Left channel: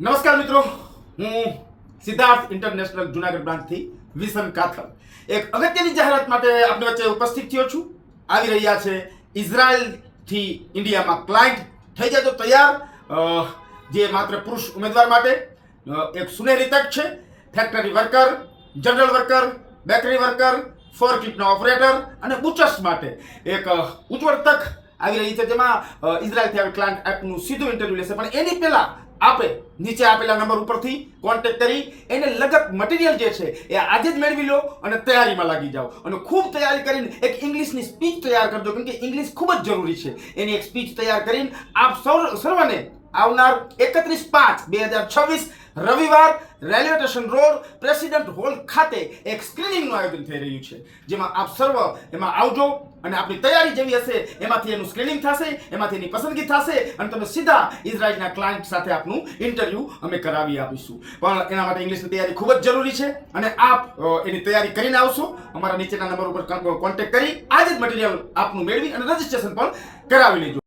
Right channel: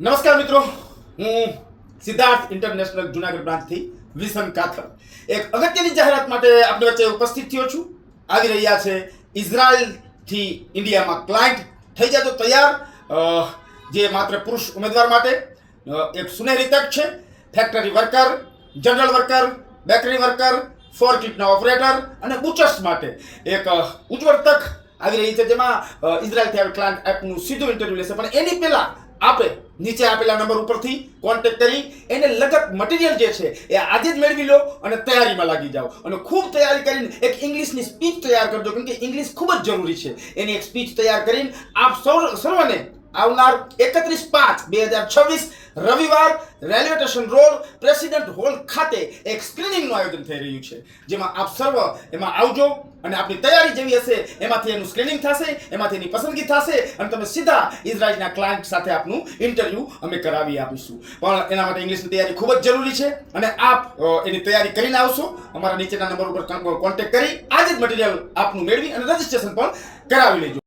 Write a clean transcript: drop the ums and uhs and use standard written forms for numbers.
નમસ્કાર મિત્રો, હું સિદ્ધાર્થ ઇન્ટરનેશનલ જુનાગઢ બ્રાન્ચથી વિસન કાથર એક અગત્યની જાહેરાત માટે આપણી વચ્ચે ઉપસ્થિત થયો છું. આવી રહ્યા છે ઇઝરાયલથી ઇન્ડિયામાં ક્લાયન્ટ. થઈ જજો તૈયાર. જે માત્ર પુરુષ ઉમેદવાર માટે એક સુનેરી તક છે. Factory worker, general worker, bakery worker, ફોરક્લિફ્ટના ઓપરેટર અને બુચર્સ માટે એક ઉજ્જવળ તક આવી રહી છે, જેમાં ઇઝરાયલથી આવેલ ક્લાયન્ટ આપનું સીધું ઇન્ટરવ્યુ લેશે. પણ એની પહેલા આપણે નીચે આપેલા નંબર ઉપરથી કોન્ટેક્ટ કરી એને લગત મટીરિયલ જે છે એ આજે જ મેળવી લો અને તૈયારીમાં લાગી જાઓ. અને ખૂબ તૈયારી કરીને એક ઇંગ્લિશની સ્પીચ તૈયાર કરજો, કેમ કે ઇંગ્લિશ ખૂબ જ જરૂરી છે. એની એક સ્પીચ તૈયાર કરીને આપ સર્વને આવનાર 31/5/2026 રવિવાર railway station road president hall ખાતે એક સ્ક્રીનિંગનું આયોજન થઈ રહ્યું છે, જેમાં આપ સર્વ એમાં આવજો અને આપની તૈયારી જેવી હશે એમાંથી એનું સ્ક્રીનિંગ થશે, એમાંથી એની પસંદગી થશે અને તમે સીધા ઇઝરાયલના ક્લાયન્ટ સાથે આપનું ઇન્ટરવ્યૂ અમે કરાવી આપીશું. પણ એના માટે ઇંગ્લિશની તૈયારી ખૂબ જ જરૂરી છે અને આપ એની તૈયારી કરીને આવશો. અમારા નીચેના નંબર ઉપર કોન્ટેક્ટ કરી આજે જ મટીરિયલ આપનું મેળવી અને રજિસ્ટ્રેશન પણ કરાવી લેજો.